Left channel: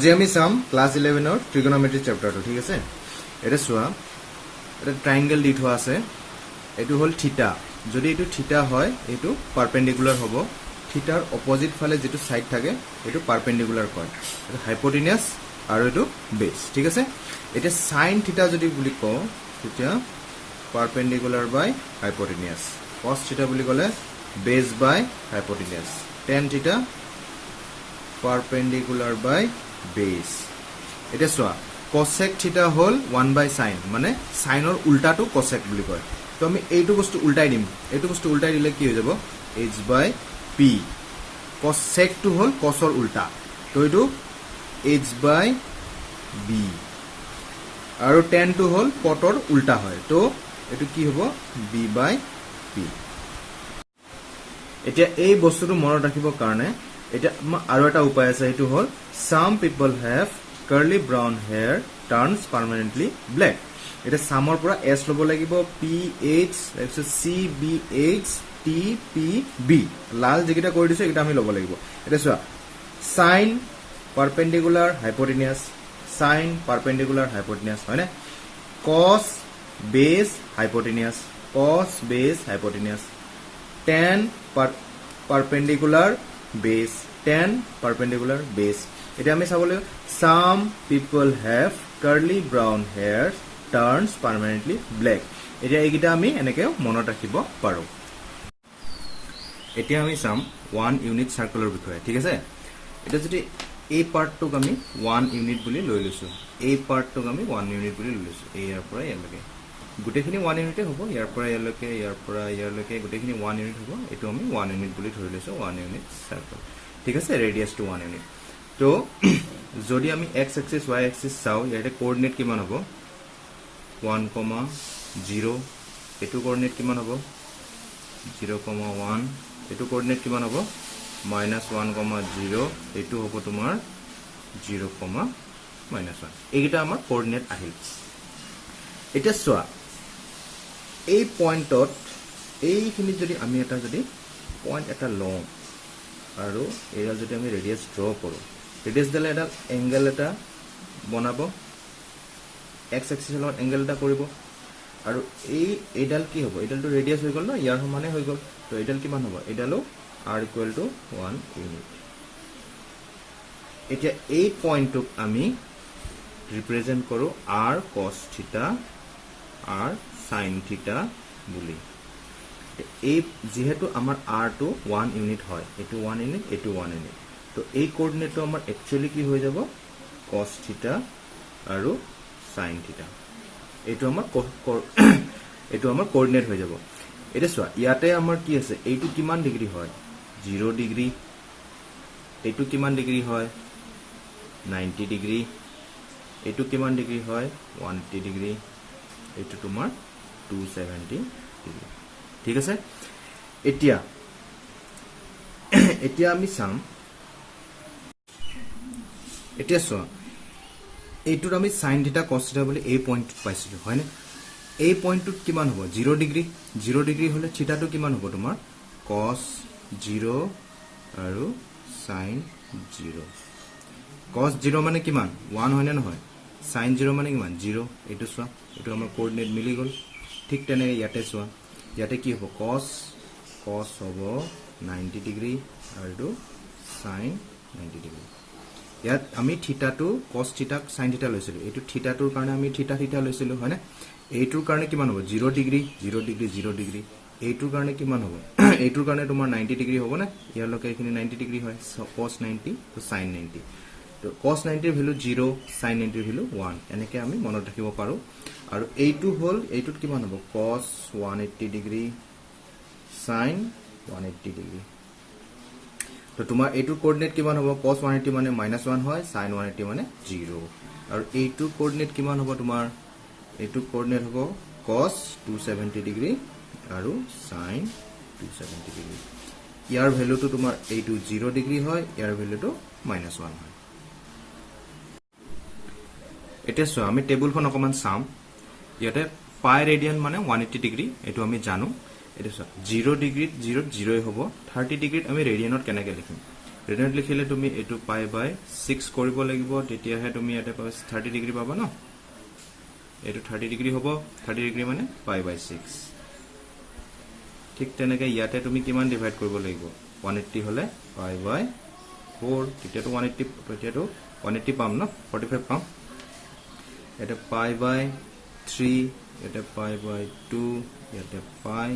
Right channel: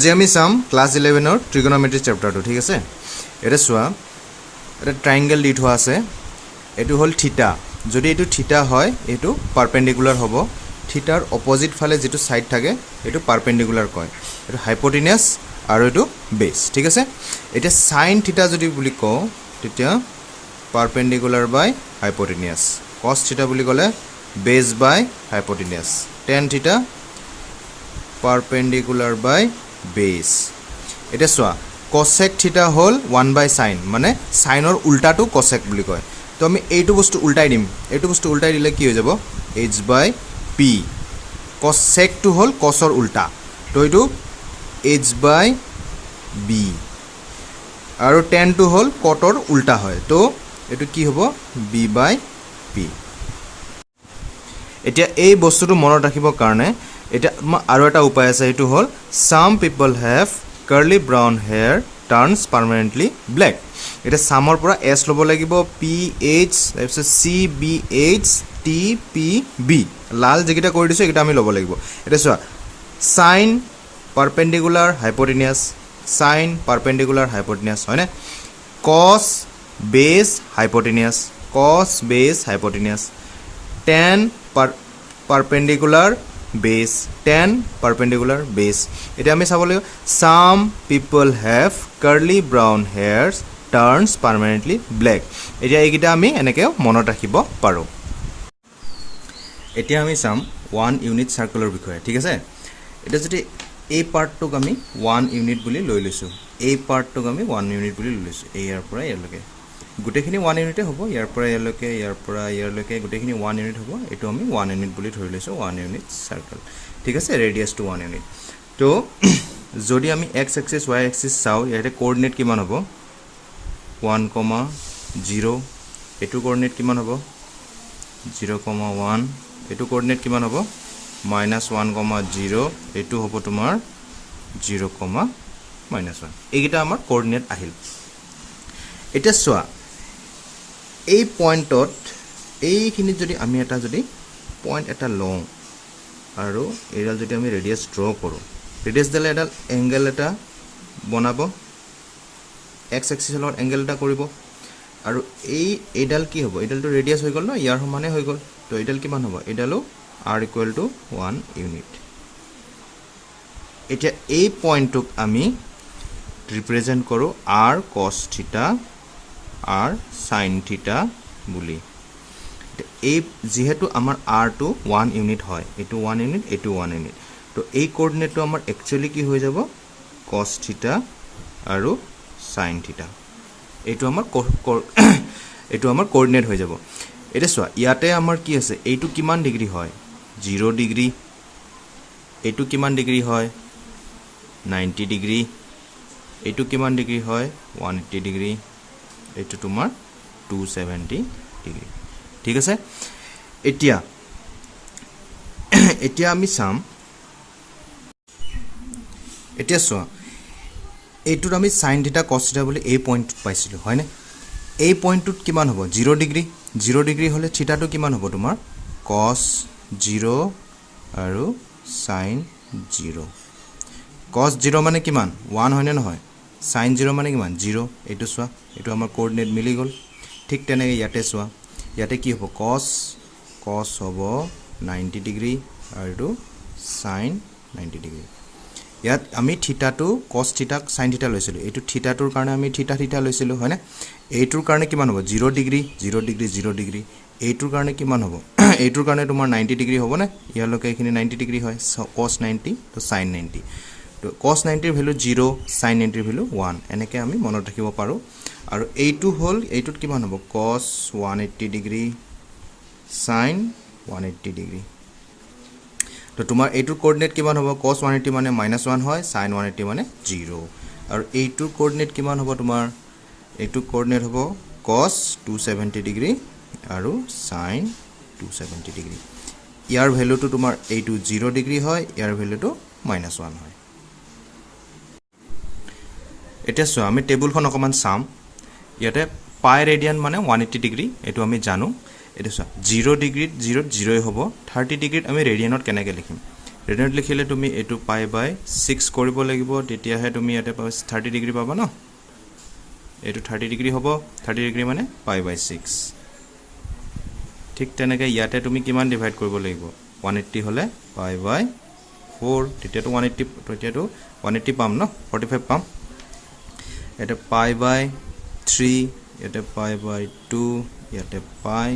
আজি আমি চাম ক্লাস 11 ট্ৰিগোনোমেট্ৰি চেপ্টাৰটো ঠিক আছে এটা চোৱা এটা ট্ৰায়াঙ্গল দি থোৱা আছে এটো হল থিটা যদি এটো থিটা হয় এটো পাৰপেন্ডিকুলাৰ হ'ব থিটাৰ অপোজিট ফালে যেটো সাইড থাকে এটো পাৰপেন্ডিকুলাৰ কয় এটো হাইপোটেনিয়াস আৰু এটো বেস ঠিক আছে এটা sin থিটা যদি বুলি কও তেতিয়া পারপেন্ডিকুলার বাই হাইপোটেনিয়াস cos থিটা বুলি ক'লে বেস বাই হাইপোটেনিয়াস tan থিটা perpendicular by base এটা সোয়া cosec থিটা হল 1 by sin মানে sin or উল্টা টু cosec বুলি কয় তো আমি এইটো বস্তু উল্টাই দিম এইটো বস্তু উল্টাই দিলে কি হৈ যাব h by p cosec to হল cos or উল্টা তো এইটো h by b আৰু tan টু হল cot or উল্টা হয় তো এইটো কি হ'ব b by p এতিয়া এই বস্তুটো মনত ৰাখিবৰ কাৰণে এটা আৰু এটা উপায় আছে এটো হল some people have curly brown hair turns permanently black এটা সামৰ পৰা s লব লাগিব p h তাৰপিছত c b h t p b লাল যেকিটা কৰি দিছো এটা আমি লব লাগিব এটা চোৱা sin perpendicular hypotenuse sin perpendicular hypotenuse হয়নে cos base hypotenuse cos base hypotenuse tan perpendicular base tan perpendicular base এটা আমি চাব লাগিব some people have curly brown hairs turns permanently black এতিয়া এইকিটা আমি এনেকে মনত ৰাখিব পাৰো এতিয়া আমি চাম 1 ইউনিট সাৰ্কুলৰ বিষয়ে ঠিক আছে এটা যদি এই পাৰ্টটোক আমি 1 ইউনিট বুলি লৈ লৈছো এই পাৰ্টটোক আমি 1 ইউনিট বুলি লৈ লৈছো ইয়াৰ পৰা ইয়ালৈকে গুটেখিনি 1 ইউনিটে হ'ব ইয়াৰ পৰা ইয়ালৈকে গুটেখিনি 1 ইউনিট হ'ব এটো আমি 1 ইউনিট বুলি ধৰি লৈছো 1 ইউনিট সাৰ্কেল ঠিক আছে ৰেডিয়াস টু 1 ইউনিট তো যদি আমি x এক্সিস y এক্সিস চাও ইয়াতে কোঅৰ্ডিনেট কিমান হ'ব 1, 0 এটো কোঅৰ্ডিনেট কিমান হ'ব 0, 1 এটো কোঅৰ্ডিনেট কিমান হ'ব -1, 0 এটো হ'ব তোমাৰ 0, -1 এইগিটা আমাৰ কোঅৰ্ডিনেট আহিল এটা চোৱা এই পয়েন্টত এইখিনি যদি আমি এটা যদি পয়েন্ট এটা লওঁ আৰু এডাল যদি আমি ৰেডিয়াস ড্ৰ কৰো ৰেডিয়াস দালে এডাল এংগল এটা বনাব x এক্সিসৰ এংগল এটা কৰিব আৰু এই এডাল কি হ'ব এডালটো ৰেডিয়াস হৈ গল না ইয়াৰ সমানে হৈ গল তো এডাল কিমান হ'ব এডালো r = 1 ইউনিট এতিয়া এই পয়েন্টক আমি ৰিপ্ৰেজেন্ট কৰো r cos থিটা r sin থিটা বুলি এই যেহেতু আমাৰ r টু 1 ইউনিট হয় এটো 1 ইউনিট এটো 1 ইউনিট তো এই কোঅৰ্ডিনেটটো আমাৰ একচুয়ালি কি হৈ যাব cos থিটা আৰু sin থিটা এটো আমাৰ কোঅৰ্ডিনেট হৈ যাব এটা চোৱা ইয়াতে আমাৰ কি আছে এইটো কিমান ডিগ্ৰী হয় 0 ডিগ্ৰী এইটো কিমান ডিগ্ৰী হয় 90 ডিগ্ৰী এইটো কিমান ডিগ্ৰী হয় 180 ডিগ্ৰী এটো তোমাৰ 270 ডিগ্ৰী ঠিক আছে এতিয়া আমি চাম এতিয়া চোৱা এইটোত আমি sin থিটা cos থিটা বুলি এই পয়েন্ট পাইছিলো হয় না এই পয়েন্টটোত কিমান হ'ব 0 ডিগ্ৰী হলে থিটাটো কিমান হ'ব তোমাৰ cos 0 আৰু sin 0 cos 0 মানে কিমান 1 হয় নে নহয় sin 0 মানে কিমান 0 এটো চোৱা এটো আমাৰ কোঅৰ্ডিনেট মিলি গল ঠিক তেনেকৈ ইয়াতে চোৱা ইয়াতে কি হ'ব cos হ'ব 90 ডিগ্ৰী আৰু sin 90 ডিগ্ৰী ইয়াত আমি থিটাটো cos থিটা sin থিটা লৈছিলো এটো থিটাটোৰ কাৰণে আমি থিটা লৈছিলো হয় না এইটোৰ কাৰণে কিমান হ'ব 0 ডিগ্ৰী এইটোৰ কাৰণে কিমান হ'ব এইটোৰ কাৰণে তোমাৰ 90 ডিগ্ৰী হ'ব না ইয়ালৈকে এখিনি 90 ডিগ্ৰী হয় cos 90 তো sin 90 তো cos 90 ৰ ভ্যালু 0 sin 90 ৰ ভ্যালু 1 এনেকে আমি মনত ৰাখিব পাৰো আৰু এইটো হল এইটোত কিমান হ'ব cos 180 ডিগ্ৰী sin 180 ডিগ্ৰী তো তোমাৰ এইটোৰ কোঅৰ্ডিনেট কিমান হ'ব cos 180 মানে -1 হয় sin 180 মানে 0 আৰু এইটোৰ কোঅৰ্ডিনেট কিমান হ'ব তোমাৰ এইটোৰ কোঅৰ্ডিনেট হ'ব cos 270 ডিগ্ৰী আৰু sin 270 ডিগ্ৰী ইয়াৰ ভ্যালুটো তোমাৰ এইটো 0 ডিগ্ৰী হয় ইয়াৰ ভ্যালুটো -1 হয় এটা সো আমি টেবুলখন অকমান চাম ইয়াতে পাই ৰেডিয়ান মানে 180 ডিগ্ৰী এটো আমি জানো এটা সো 0 ডিগ্ৰীত 0 0 হ'ব 30 ডিগ্ৰীত আমি ৰেডিয়ানত কেনেকৈ লিখিম ৰেডিয়ানত লিখিলে তুমি এটো পাই বাই 6 কৰিব লাগিব তেতিয়াহে তুমি ইয়াতে 30 ডিগ্ৰী পাবা ন এটো 30 ডিগ্ৰী হ'ব 30 ডিগ্ৰী মানে পাই বাই 6 ঠিক তেনেকৈ ইয়াতে তুমি কিমান ডিভাইড কৰিব লাগিব 180 হলে পাই বাই 4 তেতিয়াটো 180 তেতিয়াটো 180 পাম ন 45 পাম এটা পাই বাই 3 এটা পাই বাই 2 ইয়াতে পাই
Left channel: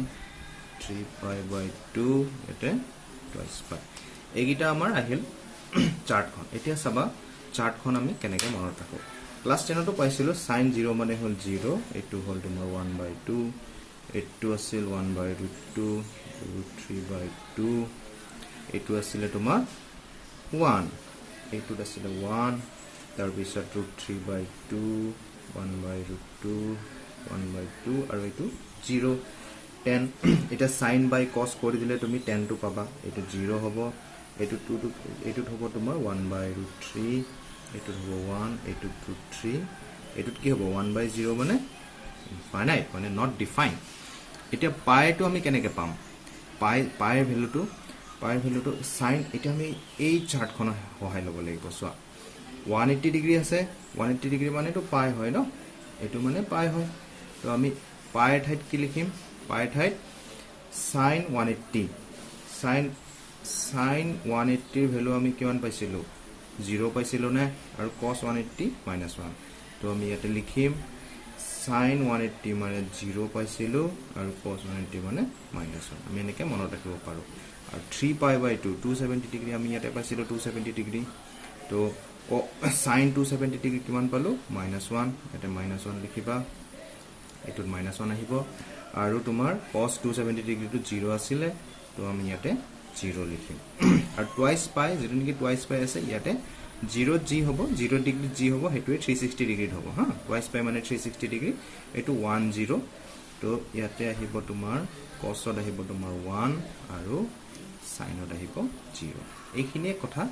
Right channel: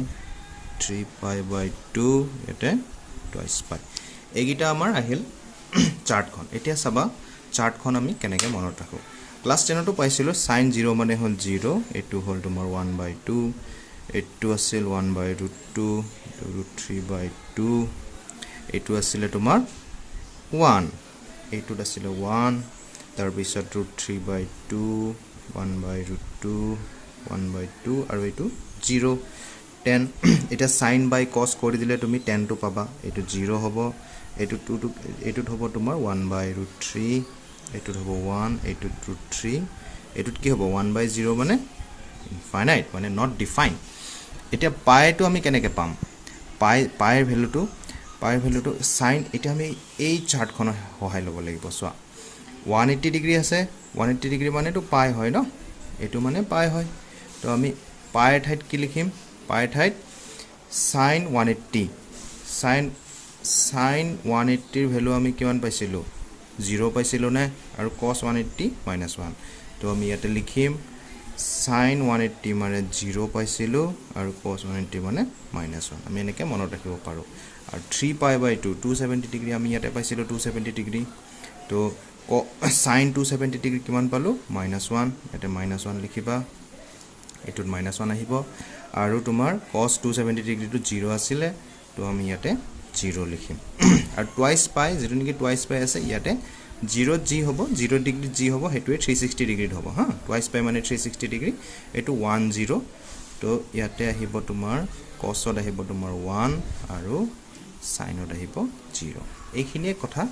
3 পাই বাই 2 ইয়াতে টুৱাইস পাই এইগিটা আমাৰ আহিল চাৰ্টখন এতিয়া চাবা চাৰ্টখন আমি কেনেকৈ মনত ৰাখো ক্লাস 10 তো পাইছিলো sin 0 মানে হল 0 এটো হল তোমাৰ 1/2 এটো আছিল 1/√2 √3/2 এটো আছিল তোমাৰ 1 এটো আছিল 1 তাৰ পিছত √3/2 1/√2 1/2 আৰু এটো 0 10 এটা sin by cos কৰি দিলে তুমি 10 টো পাবা এটো 0 হ'ব এটো 2 টো এটো হ'ব তোমাৰ 1/√3 এটো হ'ব 1 এটো √3 এটো কি হ'ব 1/0 মানে ইনফাইনাইট মানে নট ডিফাইন এতিয়া পাই টো আমি কেনেকৈ পাম পাইৰ ভ্যালুটো sin এটা আমি এই চাৰ্টখন সহায় ল'ব লাগিব চোৱা 180 ডিগ্ৰী আছে 180 ডিগ্ৰী মানে তো পাই হয় ন এটো মানে পাই হয় তো আমি পাইৰ ঠাইত কি লিখিম পাইৰ ঠাইত sin 180 sin 180 ৰ ভ্যালু আমি কিমান পাইছিলো 0 পাইছিলো না আৰু cos 180 -1 তো আমি ইয়াতে লিখিম sin 180 মানে 0 পাইছিলো আৰু cos 180 মানে -1 আমি এনেকৈ মনত ৰাখিব পাৰো আৰু 3 পাই বাই 2 270 ডিগ্ৰী আমি ইয়াতে পাইছিলো 270 ডিগ্ৰী তো sin 270 ডিগ্ৰী কিমান পালো -1 ইয়াতে -1 লিখিবা এটোত -1 আহিব আৰু তোমাৰ cos 270 ডিগ্ৰীটো 0 আছিল তো আমি ইয়াতে 0 লিখিম আৰু টুৱাইস পাই যেটো নেকি টুৱাইস পাই আছে ইয়াতে 0 জি হ'ব 0 ডিগ্ৰী জি হ'ব হেতুৱে 360 ডিগ্ৰী হ'ব হা টুৱাইস পাই মানে 360 ডিগ্ৰী এটো 10 তো ইয়াতে আহিব তোমাৰ cosত আহিব তোমাৰ 1 আৰু sinত আহিব 0 এইখিনিয়ে কথা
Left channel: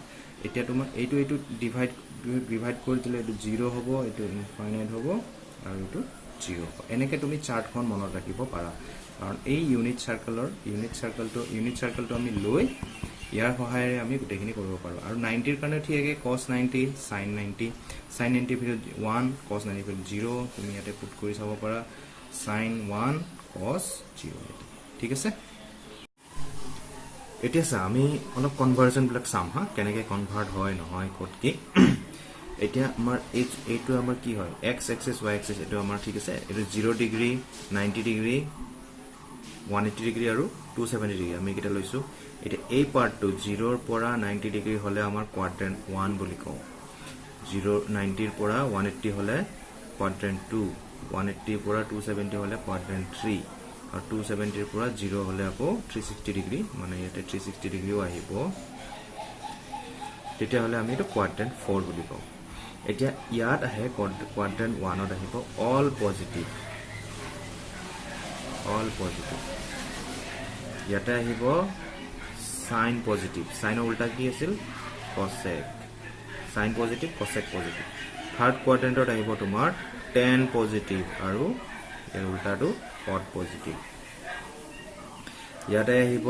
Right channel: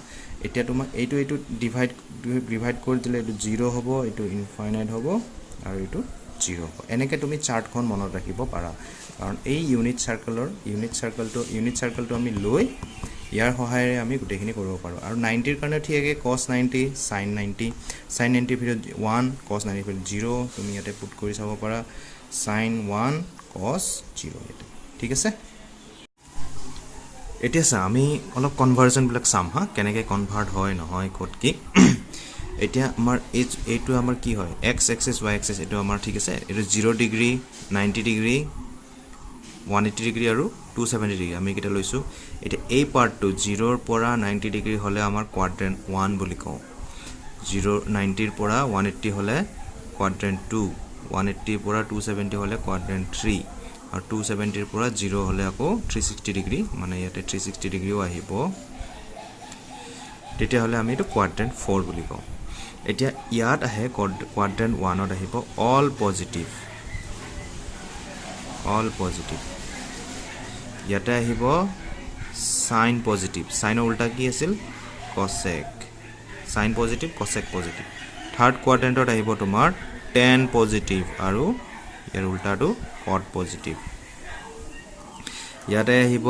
এতিয়া তোমাৰ এইটো ডিভাইড কৰি দিলে এটো 0 হ'ব এটো ইনফাইনাইট হ'ব আৰু এটো 0 হ'ব এনেকৈ তুমি চাৰ্টখন মনত ৰাখিব পাৰা কাৰণ এই ইউনিট চাৰ্কেলটো আমি লৈ ইয়াৰ সহায়েৰে আমি গোটেইখিনি কৰিব পাৰো আৰু 90 ৰ কাৰণে ঠিক আছে cos 90 sin 90 ভিতৰত 1 cos 90 ভিতৰত 0 তুমি ইয়াতে পুট কৰি চাব পাৰা sin 1 cos 0 ঠিক আছে এতিয়া আমি অলপ কনভাৰ্জন বিলাক চাম হা কেনেকৈ কনভাৰ্ট হয় নহয় ক'ত কি এতিয়া আমাৰ এইটো আমাৰ কি হয় x axis y axis এটো আমাৰ ঠিক আছে এটো 0 ডিগ্ৰী 90 ডিগ্ৰী 180 ডিগ্ৰী আৰু 270 ডিগ্ৰী আমি কিটা লৈছো এটা এই পাৰ্টটো 0 ৰ পৰা 90 ডিগ্ৰী হলে আমাৰ কোৱাড্ৰেন্ট 1 বুলি কওঁ 90 ৰ পৰা 180 হলে কোৱাড্ৰেন্ট 2 180 ৰ পৰা 270 হলে কোৱাড্ৰেন্ট 3 আৰু 270 ৰ পৰা 0 হলে আকৌ 360 ডিগ্ৰী মানে ইয়াতে 360 ডিগ্ৰীও আহিব তেতিয়া হলে আমি এটো কোৱাড্ৰেন্ট 4 বুলি কওঁ এতিয়া ইয়াত আহে কোৱাড্ৰেন্ট 1 ত আহিব অল পজিটিভ ইয়াতে আহিব sin পজিটিভ সাইনৰ উল্টা কি আছিল cosec sin positive cosec positive third কোৱাড্ৰেন্টত আহিব তোমাৰ tan পজিটিভ আৰু ইয়াৰ উল্টাটো cot পজিটিভ ইয়াতে আহিব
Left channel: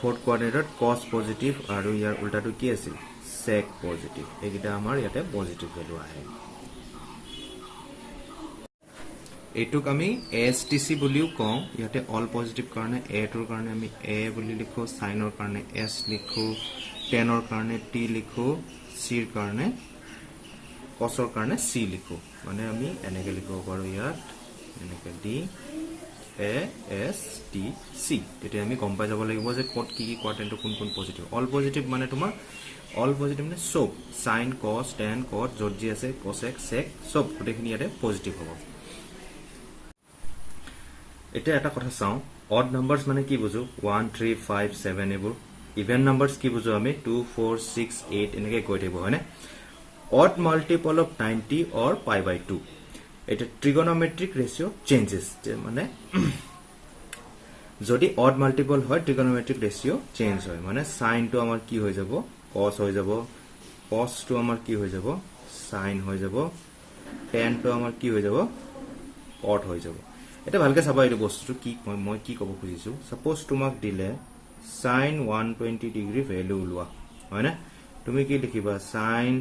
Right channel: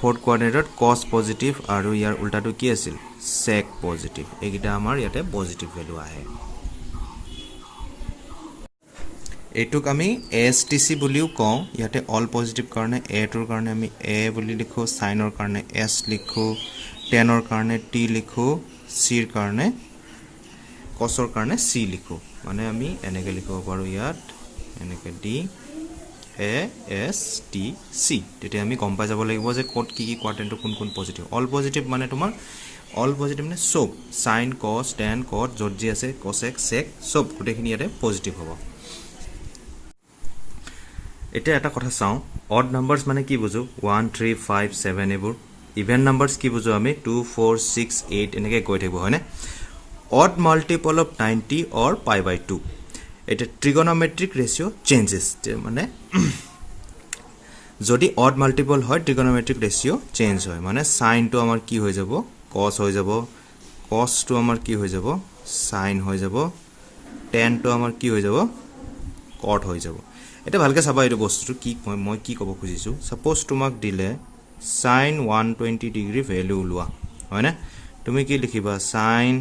ফৰ্থ কোৱাড্ৰেন্টত cos পজিটিভ আৰু ইয়াৰ উল্টাটো কি আছিল sec পজিটিভ এইগিটা আমাৰ ইয়াতে পজিটিভ ভ্যালু আহে এটুক আমি ASTC বুলিও কওঁ ইয়াতে অল পজিটিভ কাৰণে A টোৰ কাৰণে আমি A বুলি লিখো সাইনৰ কাৰণে S লিখো টেনৰ কাৰণে T লিখো C ৰ কাৰণে cosৰ কাৰণে C লিখো মানে আমি এনেকৈ লিখিব পাৰো ইয়াত এনেকৈ D A S T C তেতিয়া আমি গম পাই যাব লাগিব যে কোড কি কোৱাড্ৰেন্ট কোন পজিটিভ অল পজিটিভ মানে তোমাৰ অল পজিটিভ মানে সব sin cos tan cot যত যি আছে cosec sec সব গোটেইখিনি ইয়াতে পজিটিভ হ'ব এটা কথা চাও অড নাম্বাৰস মানে কি বুজো 1 3 5 7 এবোৰ ইভেন নাম্বাৰস কি বুজো আমি 2 4 6 8 এনেকৈ কৈ থাকিব হয়নে odd multiple of 90 or pi by 2 এটা ট্ৰিগনোমেট্ৰিক ৰেশিও চেঞ্জেস মানে যদি অড মাল্টিপল হয় ট্ৰিগনোমেট্ৰিক ৰেশিও চেঞ্জ হয় মানে sin টো আমাৰ কি হৈ যাব cos হৈ যাব cos টো আমাৰ কি হৈ যাব sin হৈ যাব tan টো আমাৰ কি হৈ যাব cot হৈ যাব এটা ভালকে চাবা এই বস্তুটো কি মই কি ক'ব খুজিছো সাপোজ তোমাক দিলে sin 120 ডিগ্ৰী ভ্যালু লোৱা হয় না তুমি কি লিখিবা sin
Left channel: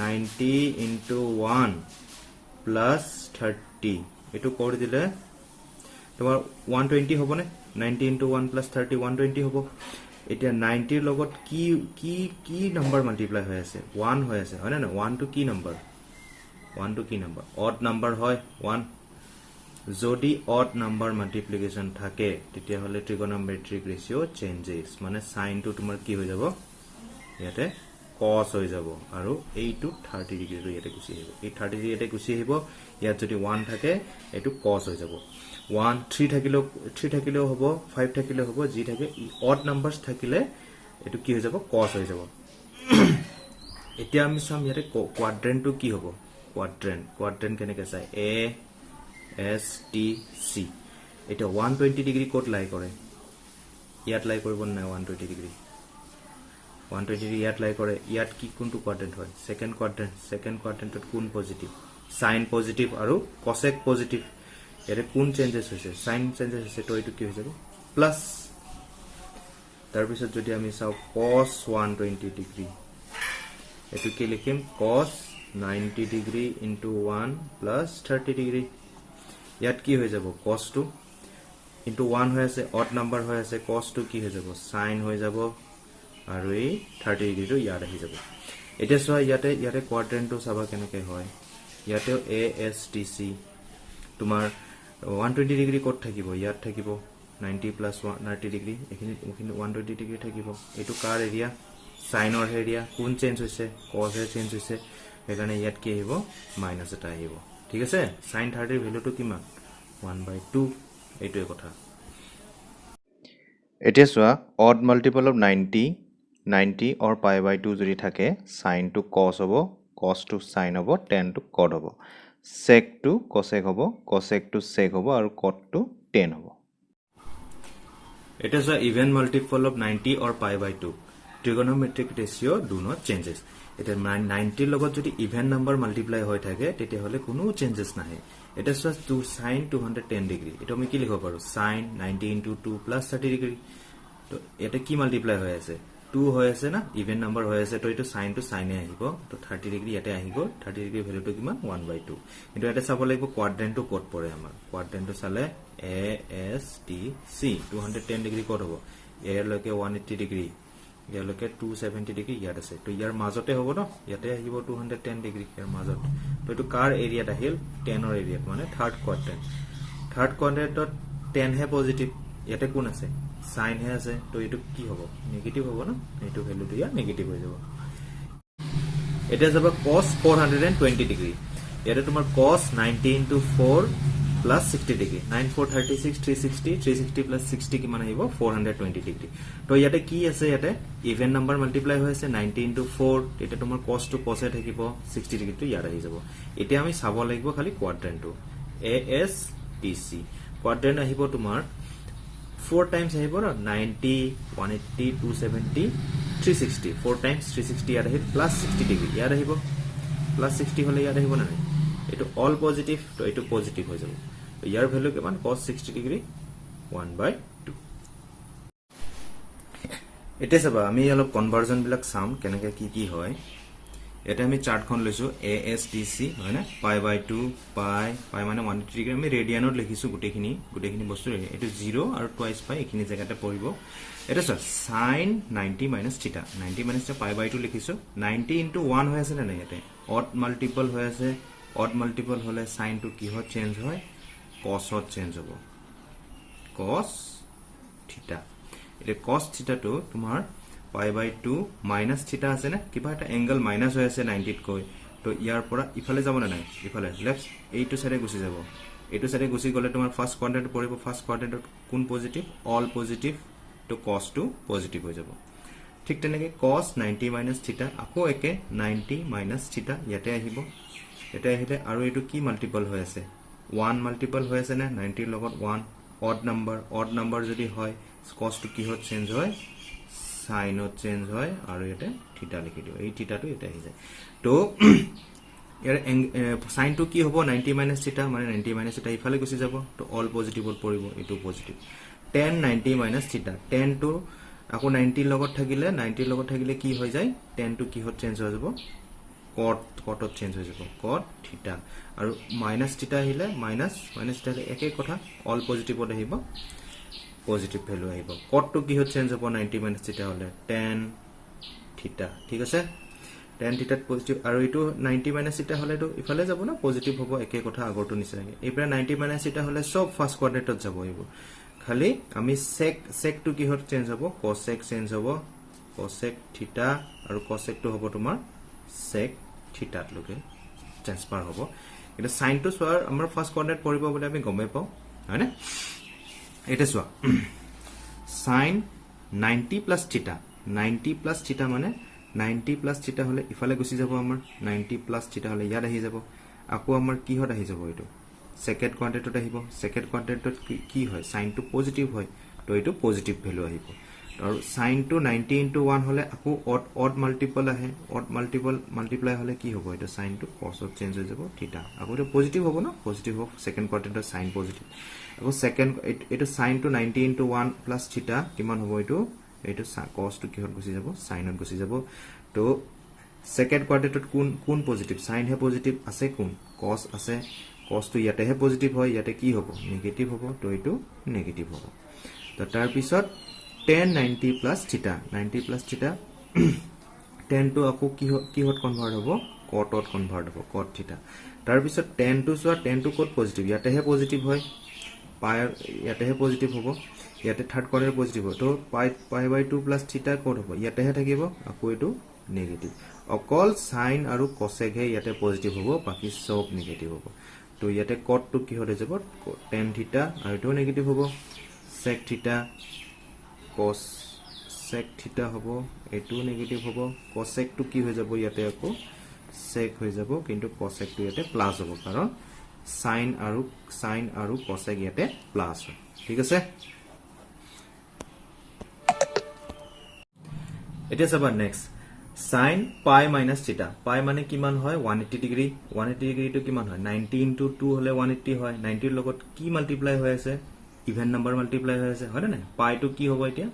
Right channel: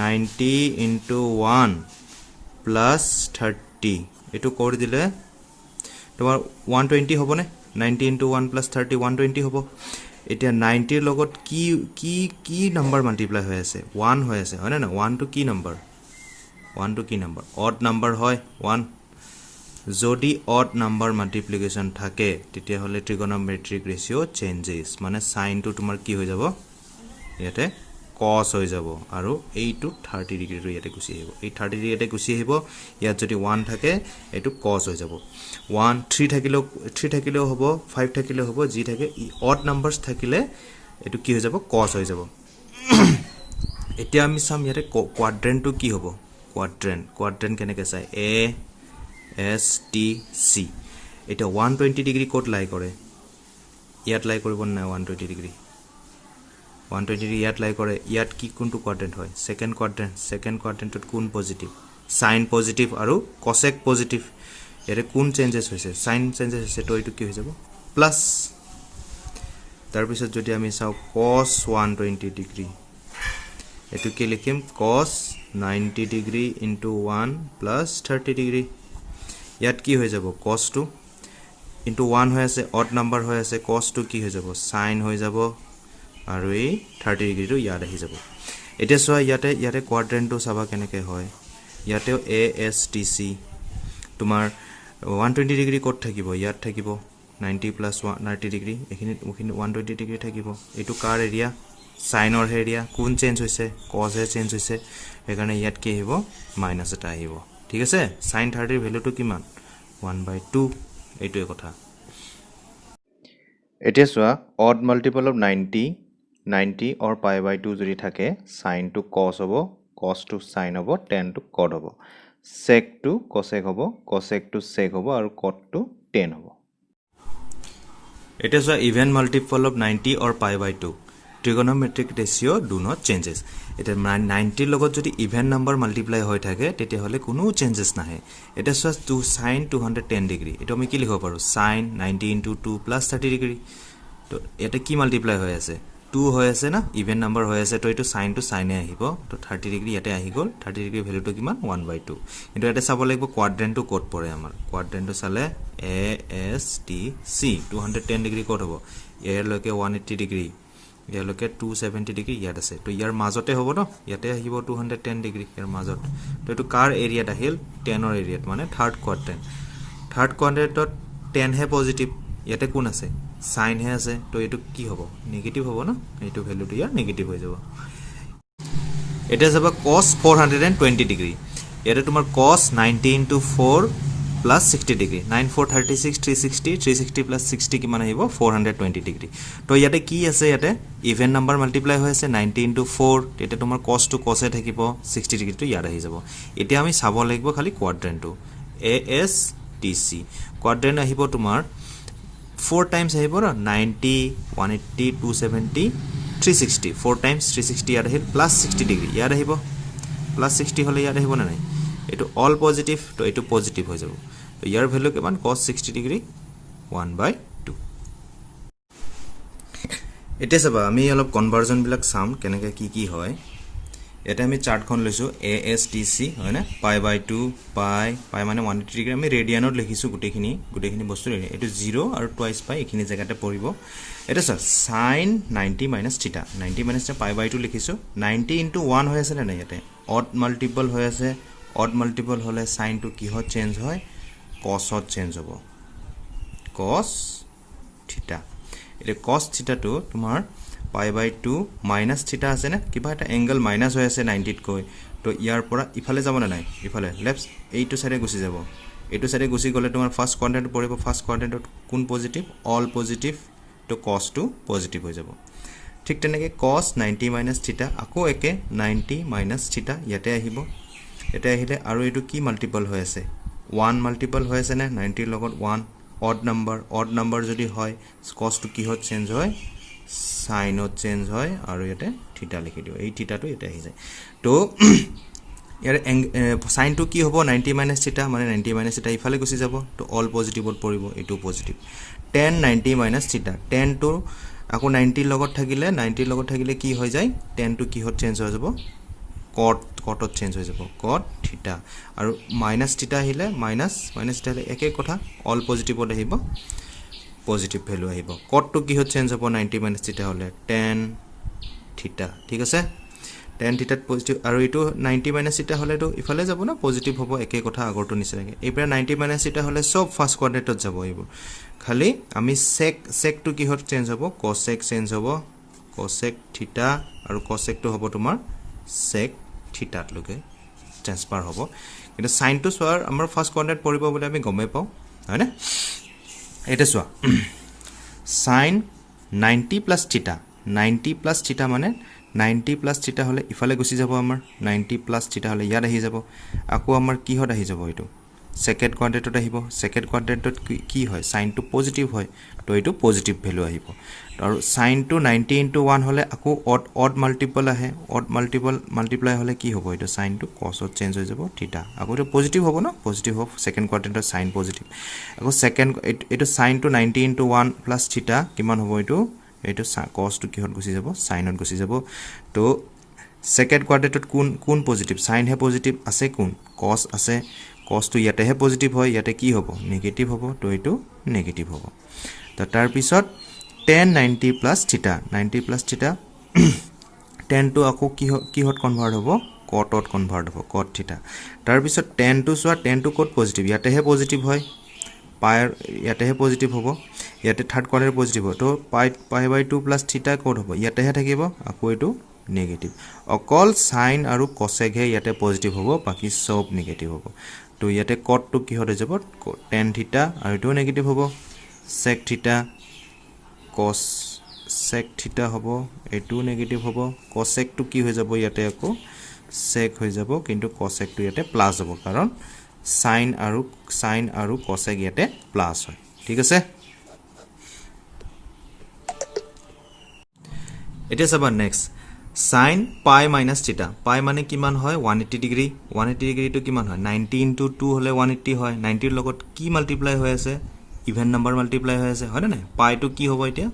90 into 1 plus 30 এটো কৰি দিলে তোমাৰ 120 হ'বনে 90 into 1 plus 30 120 হ'ব এতিয়া 90 ৰ লগত কি কি কি নম্বৰ মাল্টিপ্লাই হৈ আছে 1 হৈ আছে হয় না 1 টো কি নম্বৰ 1 টো কি নম্বৰ অড নম্বৰ হয় 1 যদি অড নম্বৰ মাল্টিপ্লিকেশন থাকে তেতিয়া হলে ট্ৰিগনোমেট্ৰিক ৰেশিও চেঞ্জেস মানে সাইন টো তোমাৰ কি হৈ যাব ইয়াতে cos হৈ যাব আৰু এইটো 30 ডিগ্ৰী ৰ ইয়াতে গুছি আহিব এই 30 ডিগ্ৰী ইয়াতে গুছি আহিব ইয়াত যদি 1 থাকে এটো cos হৈ যাব 1 3 থাকিলেও হ'ব 5 থাকিলেও হ'ব যি থাকে অড নাম্বাৰস থাকিলে এটো কি হৈ যাব cos হৈ যাব এতিয়া আমি সাম ইয়াতে কোয়াড্ৰেন্ট টো কি হ'ব কোয়াড্ৰেন্ট কেনেকৈ চাই a s t c এটা 120 ডিগ্ৰী কোড লাই কৰে ইয়াত লাই কৰিব না 120 ডিগ্ৰী 120 ডিগ্ৰী ইয়াত লাই কৰে ইয়াত কি কোনটো কোয়াড্ৰেন্ট হয় সেকেন্ড কোয়াড্ৰেন্টত কোন পজিটিভ সাইন পজিটিভ আৰু কোসেক পজিটিভ এৰে কোন চেঞ্জেস হৈছে সাইন চেঞ্জেস হৈছে তো এটো কি হৈ যাব প্লাস তাৰ পিছত যদি আমি চাও cos 120 ডিগ্ৰী এটো কি লিখিম cos 90 degree into 1 plus 30 degree ইয়াত কি হৈ যাব cos টো into 1 হৈ আছে অড নম্বৰ হৈ আছে cos টো কি হৈ যাব sin হৈ যাব আৰু এই 30 ডিগ্ৰী টো ইয়াত আহি যাব এতিয়া সোৱা ইয়াতে কোয়াড্ৰেন্ট টো চাবা কেনেকৈ হয় ইয়াতে a s t c তোমাৰ 120 ডিগ্ৰী কোড থাকিব ইয়াত থাকিব 90 plus 90 ডিগ্ৰী এখিনি 120 ডিগ্ৰী থাকিব এটো কাৰ এৰিয়া সাইনৰ এৰিয়া কোন চেঞ্জ হৈছে cos এ চেঞ্জ হৈছে এখানে ইয়াত কি আহিব মাইনাস এটা আহিব ঠিক আছে sin 30 ৰ ভ্যালুটো কিমান 1/2 এইটোৱে কথা এতিয়া সোৱা odd multiple of 90 or pi/2 যদি থাকে sin to cos হ'ব cos to sin হ'ব tan to cot হ'ব sec to cosec হ'ব cosec to sec হ'ব আৰু cot to tan হ'ব it is a even multiple of 90 or pi/2 trigonometric ratio do not changes এটা 90 লগত যদি ইভেন নাম্বার মাল্টিপ্লাই হৈ থাকে তেতিয়া হলে কোনো চেঞ্জেস নাহে এটা সস টু sin 210 ডিগ্ৰী এটা আমি কি লিখিব পাৰো sin 90 into 2 plus 30 ডিগ্ৰী তো এটা কি মাল্টিপ্লাই হৈ আছে 2 হৈ আছে না ইভেন নাম্বার হৈ আছে তো এটো sin to sin এ আহিব তো 30 ডিগ্ৰী ইয়াতে আহি গল 30 ডিগ্ৰী ভ্যালুটো কিমান 1/2 কিন্তু এটা চাব লাগিব কোয়াড্ৰেন্ট টো কোড পৰে আমাৰ কোয়াড্ৰেন্ট টো চালে a s t c 210 degree code হ'ব ইয়াৰ লৈকে 180 ডিগ্ৰী ইয়াৰ লৈকে 270 ডিগ্ৰী ইয়াত আছে তো ইয়াৰ মাজতে হ'ব ন ইয়াতে আহিব 210 ডিগ্ৰী ইয়াৰ মাজত তো এটো কাৰ এৰিয়াত আহিল 10 ৰ এৰিয়াত মানে থাৰ্ড কোয়াড্ৰেন্টত 10 হে পজিটিভ ইয়াতে কোন আছে সাইন হে আছে তো এটো কি হ'ব নেগেটিভ হ'ব না এটো ভ্যালুটো ইয়াৰ নেগেটিভ হৈ যাব এটা যাব cos 420 ডিগ্ৰী ইয়াতে তোমাৰ cos 90 into 4 plus 60 degree 9436 360 plus 60 কিমান আহিব 420 ডিগ্ৰী তো ইয়াতে কি আছে ইয়াতে ইভেন নাম্বাৰ মাল্টিপ্লাই হৈ আছে 90 into 4 এটা তোমাৰ cos to cos এ থাকিব 60 ডিগ্ৰী তো ইয়াত আহি যাব এতিয়া আমি চাব লাগিব খালি কোয়াড্ৰেন্টটো a s t c কোয়াড্ৰেন্ট আহিব তোমাৰ 4 times আহিব না 90 180 270 360 4 times 360 ইয়াত আহিল plus 60 ডিগ্ৰী ইয়াত আহিব plus 60 হলে ইয়াত আহিব না নাই এটো অল পজিটিভ তো এটো পজিটিভ হৈ যাব তো ইয়াৰ ভ্যালু কিমান cos 60 ডিগ্ৰী 1/2 এটা সব আমি অলপ কনভাৰ্জন বিলাক চাম কেনেকৈ কি হয় এটা আমি চাৰ্টখন লৈছো ASTC হয় না pi/2 pi মানে 180 ডিগ্ৰী আমি ৰেডিয়ানত লিখিছো গুটেখিনি বস্তু এটো 0 আৰু টুৱাইস পাই এখিনি জায়গাতে পৰিব এটা sir sin 90 minus theta 90 minus pi/2 লিখিছো 90 into 1 হৈ আছে না ইয়াতে অড মাল্টিপল হৈ আছে অড মাল্টিপল হলে sin to কি হয় চেঞ্জ হয় cos ত চেঞ্জ হ'ব cos theta এটা cos theta to তোমাৰ pi/2 minus theta আছে না কিবা এটা এংগল মাইনাস হৈ আছে 90 কৈ তো ইয়াৰ পৰা ইফালে যাব না নাই ইফালে লেফট এইটো সাইডে গুছি যাব এইটো সাইডে গুছি গলে তোমাৰ ফাৰ্স্ট কোয়াড্ৰেন্ট পৰিব ফার্স্ট কোয়াড্রেন্টত কোন পজিটিভ অল পজিটিভ তো cos to পজিটিভ হৈ যাব ঠিক তেনেকৈ cos 90 minus theta আকৌ একে 90 minus theta ইয়াতে আহিব এটা আহিলে আৰু এটো কি মাল্টিপল হৈ আছে 1 মাল্টিপল হৈ আছে না 90 লগত 1 অড নাম্বার যদি হয় cos to কি হয় চেঞ্জ হয় sin ত চেঞ্জ হয় আৰু এটা থিটা লিখি দিও এই থিটাটো এটা আহি যায় তো ইয়াৰ sin to কি হ'ব 90 minus theta মানে 90 minus theta ইফালে গুছি যাব তো অল পজিটিভত পৰিব এটো positive tan 90 minus theta tan to আকৌ 90 লগত থাকিলে কি হৈ যায় tan টো কিহত চেঞ্জ হৈ যাব cotত চেঞ্জ হৈ যাব cot থিটা আৰু মাইনাস থিটা আহিলে মাইনাস থিটা আহিলে একে কথা অল পজিটিভত আহিব পজিটিভ ভ্যালু আহিব cot টো কিহত চেঞ্জ হ'ব 90 মাইনাস থিটা হলে tan থিটা ঠিক আছে tan থিটাত পজিটিভ আৰু এটো 90 মাইনাস থিটা হলে তো ইফালে যাব না পজিটিভ হ'ব একে কথা আগৰটো নিচিনাকৈ এইপৰা 90 মাইনাস থিটা হলে সব ফাৰ্স্ট কোয়াড্ৰেন্টত যাব আহিব খালি আমি sec টো কিহত চেঞ্জ হ'ব cosec চেঞ্জ হ'ব cosec থিটা আৰু cosec টো হ'ব তোমাৰ sec থিটাত লগে ট্ৰান্সফাৰ হ'ব কিন্তু sin টো সোৱাৰ আমাৰ ফাৰ্স্ট কোয়াড্ৰেন্ট পৰিব বুলি আমি গমে পাও হয় না এটা সোৱা sin 90 plus theta 90 plus theta মানে 90 plus theta হলে ইফালে গুছি যাব আমাৰ 90 plus theta হলে ইয়াত আহি যাব আকৌ আমাৰ কি হত আহি যাব এটো সেকেন্ড কোয়াড্ৰেন্টত আহিব সেকেন্ড কোয়াড্ৰেন্টত কি হয় sin টো পজিটিভ হয় তো এটো পজিটিভ ভ্যালু আহিব আৰু sin টো 90 into 1 হলে আকৌ odd multiple আহে odd multiply হলে কি হ'ব এটো sin টো cos ত চেঞ্জ হৈ যাব থিটা আকৌ এটো পজিটিভ হ'ব না পজিটিভ হ'ব সেকেন্ড কোয়াড্ৰেন্টত sin পজিটিভ আকৌ সেকেন্ড এটো sin টো 90 into 1 plus theta কিমান হ'ব এটো এটো cos টো কিহত গুছি যাব sin ত গুছি যাব তো সেকেন্ড কোয়াড্ৰেন্টত কোন পজিটিভ sin হে পজিটিভ আছে কোন cos আছে cos টো ইয়াতে হে পজিটিভ হয় ইয়াতে কি হ'ব নেগেটিভ হ'ব তো এটো নেগেটিভ হ'ব তো তাৰ পিছত tan 90 plus theta 90 plus theta tan টো আকৌ কিহত কনভাৰ্ট হ'ব cotত কনভাৰ্ট হ'ব cot theta তাৰ পিছত tan টো সোৱা tan টো কত পজিটিভ ইয়াতে হে পজিটিভ হয় pi ইয়াতে হে পজিটিভ হ'ব ইয়াতে থাৰ্ড কোয়াড্ৰেন্ট পজিটিভ হ'ব তো pi/2 plus theta কত হ'ব ইয়াতে হে থাকিব আকৌ এটো নেগেটিভ অকল sin আৰু cosec হে ইয়াতে পজিটিভ হ'ব বাকি সব নেগেটিভ হ'ব তো ইয়াতে cot টো কি হৈ যাব tan theta আৰু এটো নেগেটিভ হ'ব sec theta cosec theta হ'ব এটো নেগেটিভ হ'ব cosec টো কি হৈ যাব ইয়াতে আকৌ sec হৈ যাব কিন্তু cosec টো ইয়াতে প্লাস হ'ব কাৰণ sin আৰু cosec ইয়াতে প্লাস হয় ঠিক আছে এটা সব next sin pi minus theta pi মানে কিমান হয় 180 ডিগ্ৰী 180 ডিগ্ৰী টো কিমান হয় 90 into 2 হলে 180 হয় 90 ৰ লগত কি মাল্টিপ্লাই হৈ আছে ইভেন নাম্বাৰ মাল্টিপ্লাই হৈ আছে হয় না pi টো কি হ'ব এতিয়া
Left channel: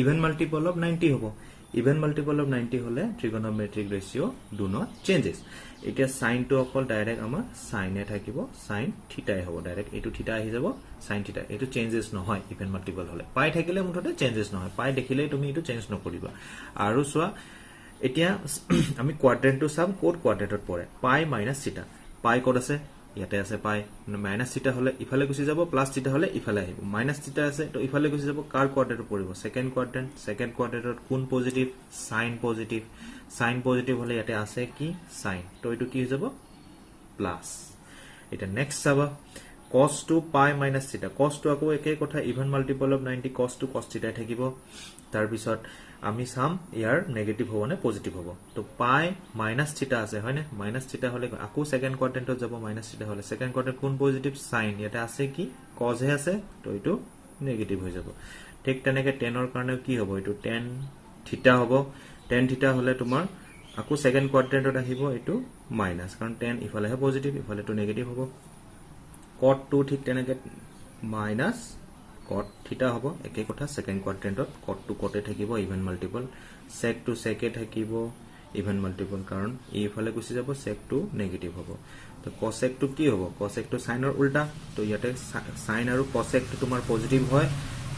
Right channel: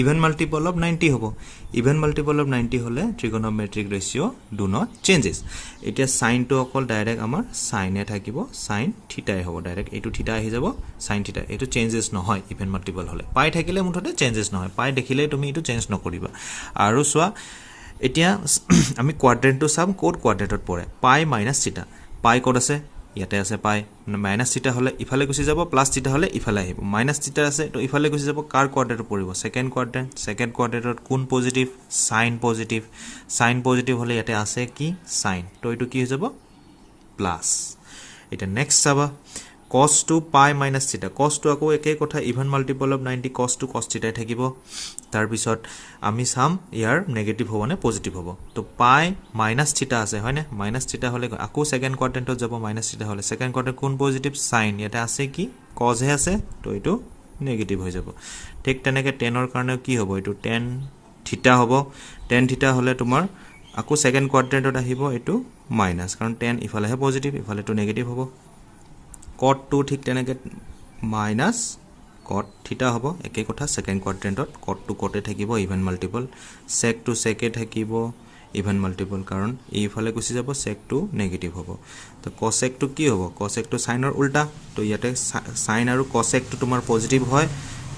ইভেন মাল্টিপল অফ 90 হ'ব ইভেন মাল্টিপল অফ 90 হলে ট্ৰিগোনোমেট্ৰিক ৰেশিও ডু নট চেঞ্জেস এতিয়া sin টো অকল ডাইৰেক্ট আমাৰ sin এ থাকিব sin থিটা হ'ব ডাইৰেক্ট এটো থিটা আহি যাব sin থিটা এটো চেঞ্জেস নহয় ইভেন মাল্টিপল হলে pi থাকিলে মুঠতে চেঞ্জেস নহয় pi দেখিলে তুমি এটো চেঞ্জ নকৰিবা আৰু সোৱা এতিয়া আমি কোয়াড্ৰেন্টটো সাম কোড কোয়াড্ৰেন্টত পৰে pi minus theta pi code আছে ইয়াতে আছে pi minus theta হলে ইফালে গুছি যাব প্লাস theta হলে ইফালে আহিব minus theta আছে তো ইফালে গুছি যাব কাৰ কোয়াড্ৰেন্টত পৰিব সেকেন্ড কোয়াড্ৰেন্টত কোন পজিটিভ sin পজিটিভ হলে ইয়াতে আছে কি sin তো এটো কি হৈ যাব প্লাস এটা নেক্সট চাবা cos to pi minus theta cos to আকৌ একে কথা even multiple of 90 cos to cos theta থাকিব তাৰ পিছত আমি সাম ইয়াৰ নেগেটিভ হ'ব নে পজিটিভ হ'ব তো pi minus theta আছে হয় নে minus theta হলে আকৌ সেকেন্ড কোয়াড্ৰেন্টত যাব minus theta হলে সেকেন্ড কোয়াড্ৰেন্ট কোন পজিটিভ sin ইয়াতে আছে কি cos হে আছে তো এটো নেগেটিভ হৈ যাব ঠিক তেনেকে tan ৰ কাৰণে কি হ'ব এটো tan theta হ'ব tan theta হলে তোমাৰ আকৌ সেকেন্ড কোয়াড্ৰেন্টত আহিব এটো মাইনাস কাৰণ tan ইফালে হে পজিটিভ ইফালে তো নেগেটিভ হ'ব cot 2 ঠিক তেনেকে মাইনাস cot theta হ'ব একে কথা সেকেন্ড কোয়াড্ৰেন্টত cot 2 cot থাকিব even multiple sec to sec থাকিব ইভেন মাল্টিপল কাৰণ এইফালে গুছি যাব sec to নেগেটিভ হ'ব তো cosec to কি হ'ব cosec to sin ৰ উল্টা তো ইয়াতে sin আৰু cosec to তোমাৰ পজিটিভ হয়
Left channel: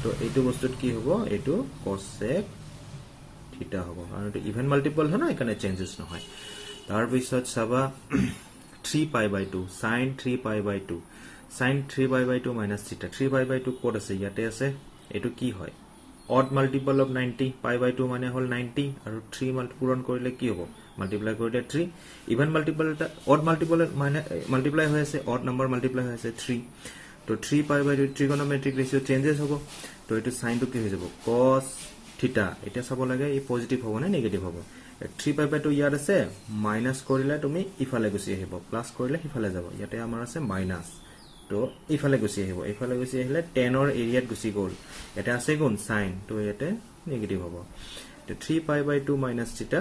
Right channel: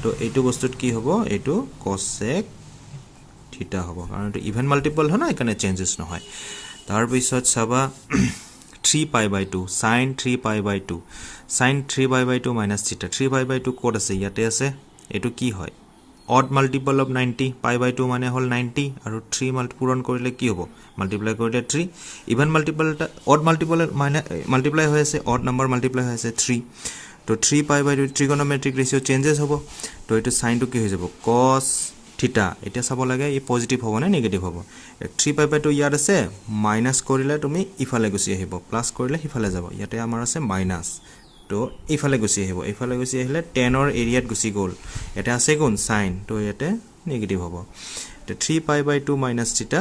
তো এইটো বস্তুত কি হ'ব এইটো cosec theta হ'ব কাৰণ এটো ইভেন মাল্টিপল হয় না এখানে চেঞ্জেস নহয় তাৰ পিছত চাবা 3 pi/2 sin 3 pi/2 sin 3 pi/2 minus theta 3 pi/2 code আছে ইয়াতে আছে এটো কি হয় odd multiple of 90 pi/2 মানে হল 90 আৰু 3 পূৰণ কৰিলে কি হ'ব মাল্টিপ্লাই কৰিলে 3 ইভেন মাল্টিপল odd multiple মানে মাল্টিপ্লাই হৈ আছে odd number মাল্টিপ্লাই হৈ আছে 3 তো 3 pi/2 ট্ৰিগোনোমেট্ৰিক ৰেশিও চেঞ্জেস হ'ব তো এটো sin টো কি হৈ যাব cos theta এটা চাব লাগে এই পজিটিভ হ'ব না নেগেটিভ হ'ব 3 pi/2 ইয়াত আছে মাইনাস কৰিলে তুমি ইফালে গুছি আহিব প্লাস কৰিলে ইফালে যাব ইয়াতে আমাৰ আছে মাইনাস তো ইফালে গুছি আহিলে tan ৰ এৰিয়াত গুছি গল এটা আছে কোন sin তো ইয়াতে নেগেটিভ হ'ব তো 3 pi/2 minus theta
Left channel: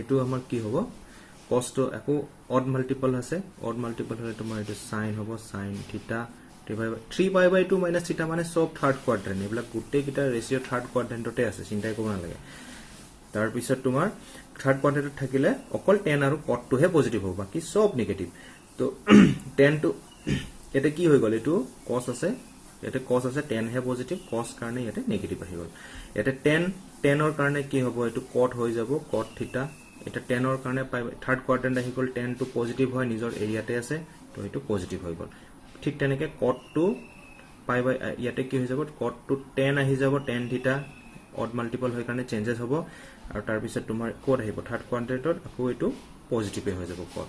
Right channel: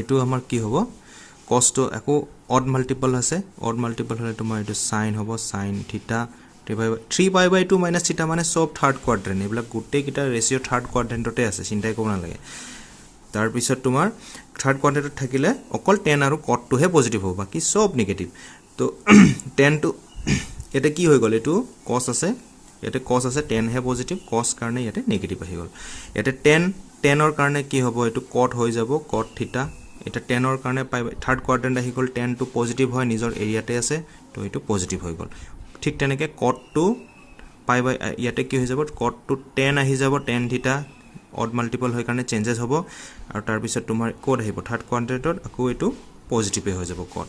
এটো আমাৰ কি হ'ব cos তো আকৌ odd multiple আছে odd multiple হলে তোমাৰ এটো sin হ'ব sin theta 3 pi by 2 minus থিটা মানে সব থাৰ্ড কোৱাড্ৰেণ্ট এইবিলাক গোটেইকেইটা ৰেচিঅ' থাৰ্ড কোৱাড্ৰেণ্টতে আছে চিন্তাই কৰিব নালাগে তাৰপিছত তোমাৰ থাৰ্ড কোৱাড্ৰেণ্টত থাকিলে অকল টেন আৰু কটটোহে পজিটিভ হ'ব বাকী সব নিগেটিভ তো টেনটো এটা কি হৈ গ'ল এইটো কছ আছে ইয়াতে কছ আছে টেনহে পজিটিভ কছ কাৰণে ইয়াতে নিগেটিভ আহি গ'ল ইয়াতে টেনৰ কাৰণে কি হ'ব এইটো কট হৈ যাব কট থিটা এটা টেনৰ কাৰণে পাই থাৰ্ড কোৱাড্ৰেণ্ট আহি গ'ল টেনটো পজিটিভ হয় নিজৰ এৰিয়াতে আছে তো এইটো পজিটিভ হৈ গ'ল ঠিক তেনেকৈ কটটো পাই বাই ইয়াতে কি হৈ যাব কটটো টেন আহি যাব টেন থিটা অড মাল্টিপল হৈ কাৰণে চেঞ্জেছ হ'ব আৰু তাৰপিছত তোমাৰ ক'ত আহিব থাৰ্ড কোৱাড্ৰেণ্টত আকৌ এইটো পজিটিভে হৈ যাব কট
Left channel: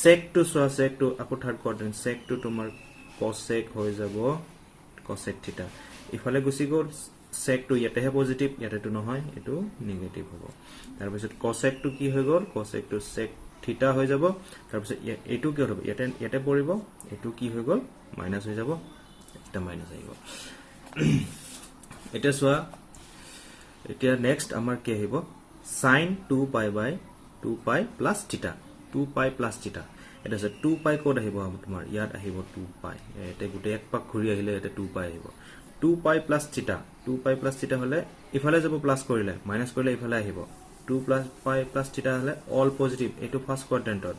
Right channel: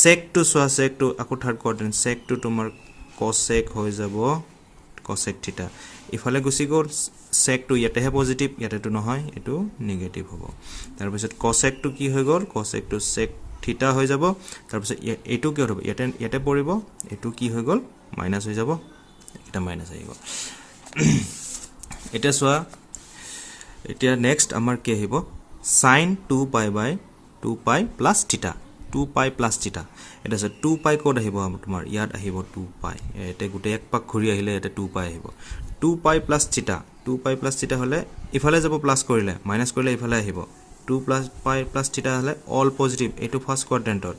চেকটো চোৱা চেকটো আকৌ থাৰ্ড কোৱাড্ৰেণ্ট চেকটো তোমাৰ কছেক হৈ যাব কছেক থিটা ইফালে গুচি গ'ল চেকটো ইয়াতেহে পজিটিভ ইয়াতেতো নহয় এইটো নিগেটিভ হ'ব তাৰপিছত কছেকটো কি হৈ গ'ল কছেকটো চেক থিটা হৈ যাব তাৰপিছত এইটো কি হ'ব ইয়াতে পৰিব এইটো কি হৈ গ'ল মাইনাছ হৈ যাব এটা মাইনাছ আহি গ'ল এতিয়া চোৱা এতিয়া নেক্সট আমাৰ কি আহিব sin 2 পাই বাই 2 পাই প্লাছ থিটা 2 পাই প্লাছ থিটা এটা আছে 2 পাই ক'ত আহিব তোমাৰ ইয়াত আহিব 2 পাই এটা গোটেই এক পাক ঘূৰি আহিলে এটা 2 পাই আহিব 2 পাই প্লাছ থিটা 2 পাই প্লাছ থিটা হ'লে ইফালে যাব প্লাছ কৰিলে মাইনাছ কৰিলে ইফালে আহিব 2 পাই প্লাছ থিটা হ'লে অল পজিটিভ এইটো ফাৰ্ষ্ট কোৱাড্ৰেণ্টত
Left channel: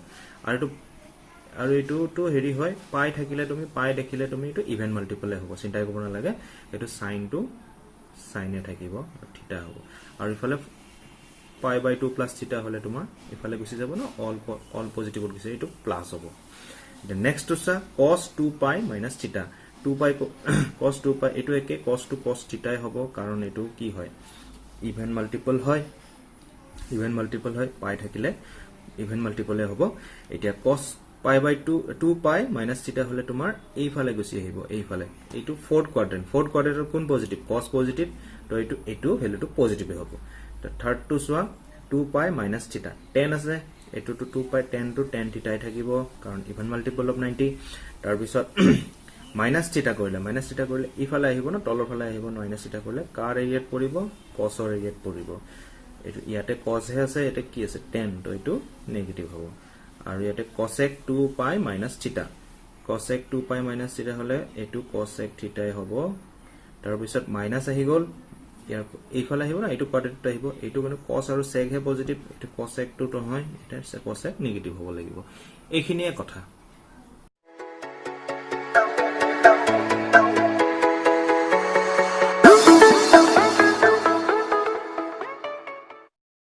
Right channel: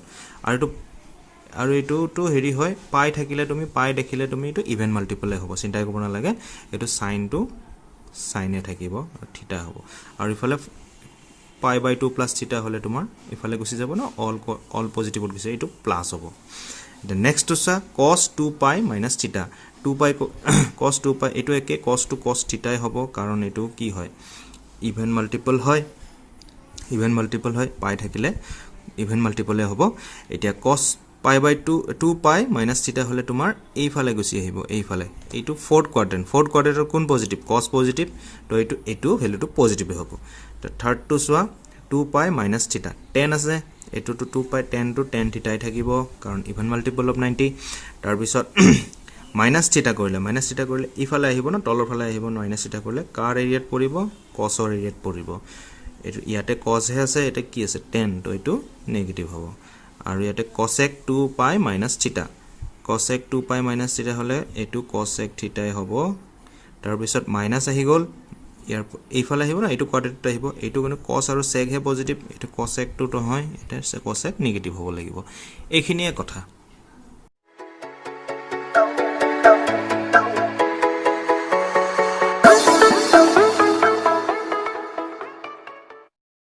আৰু এইটোতো হেৰি হয় পাই থাকিলে তুমি পাই দেখিলে তুমি এইটো ইভেন মাল্টিপলে হ'ব চিন্তা কৰিব নালাগে এইটো সাইনটো সাইনে থাকিব থিটা হ'ব আৰু ইফালে পাই বাই 2 প্লাছ থিটা হ'লে তোমাৰ ইফালে গুচি যাব না অল পজিটিভত গুচি এইটো প্লাছ হ'ব এতিয়া নেক্সট চা cos 2 পাই মাইনাছ থিটা 2 পাই cos 2 পাই এইটো একে cos to cos থিটাই হ'ব কাৰণ এইটো কি হয় ইভেন মাল্টিপল হয় পাই থাকিলে ইভেন মাল্টিপলে হ'ব এতিয়া cos পাই বাই 2 পাই মাইনাছ থিটা হ'লে তোমাৰ এইফালে গুচি আহিব এইফালে এইটো ফৰ্থ কোৱাড্ৰেণ্টৰ কোন পজিটিভ cos পজিটিভ তো এইটো ভ্যালুটো পজিটিভে হ'ব তো থাৰ্ড টু চোৱা 2 পাই মাইনাছ থিটা 10 আছে এইটোটো 2 পাই 10 to 10 থিটাই থাকিব কাৰণ ইভেন মাল্টিপল অফ 90 তাৰ পিছত মাইনাছ থিটা কৰিলে ইফালে আহিব না তলৰ ফালে আহিব মাইনাছ থিটা কৰিলে কাৰ এৰিয়াত পৰিব cosৰ এৰিয়াত পৰিব এইটো ইয়াতে cos হে আছে এটা কি আছে 10 তো এইটো নেগেটিভ হ'ব আৰু ইয়াতে cosec 2 পাই মাইনাছ থিটা cosec 2 পাই মাইনাছ থিটা হ'লে এইটো cosec থিটাই হ'ব তাৰ পিছত মাইনাছ আহি গ'ল ইয়াৰ এইফালে আহিব না এইটো কোৱাড্ৰেণ্টত আহিব এইটো মানে cos আৰু sec হে পজিটিভ এইটো cosec 2 তো হয় এটা cosec নেগেটিভ হ'ব লাগিব এইখিনিয়ে কথা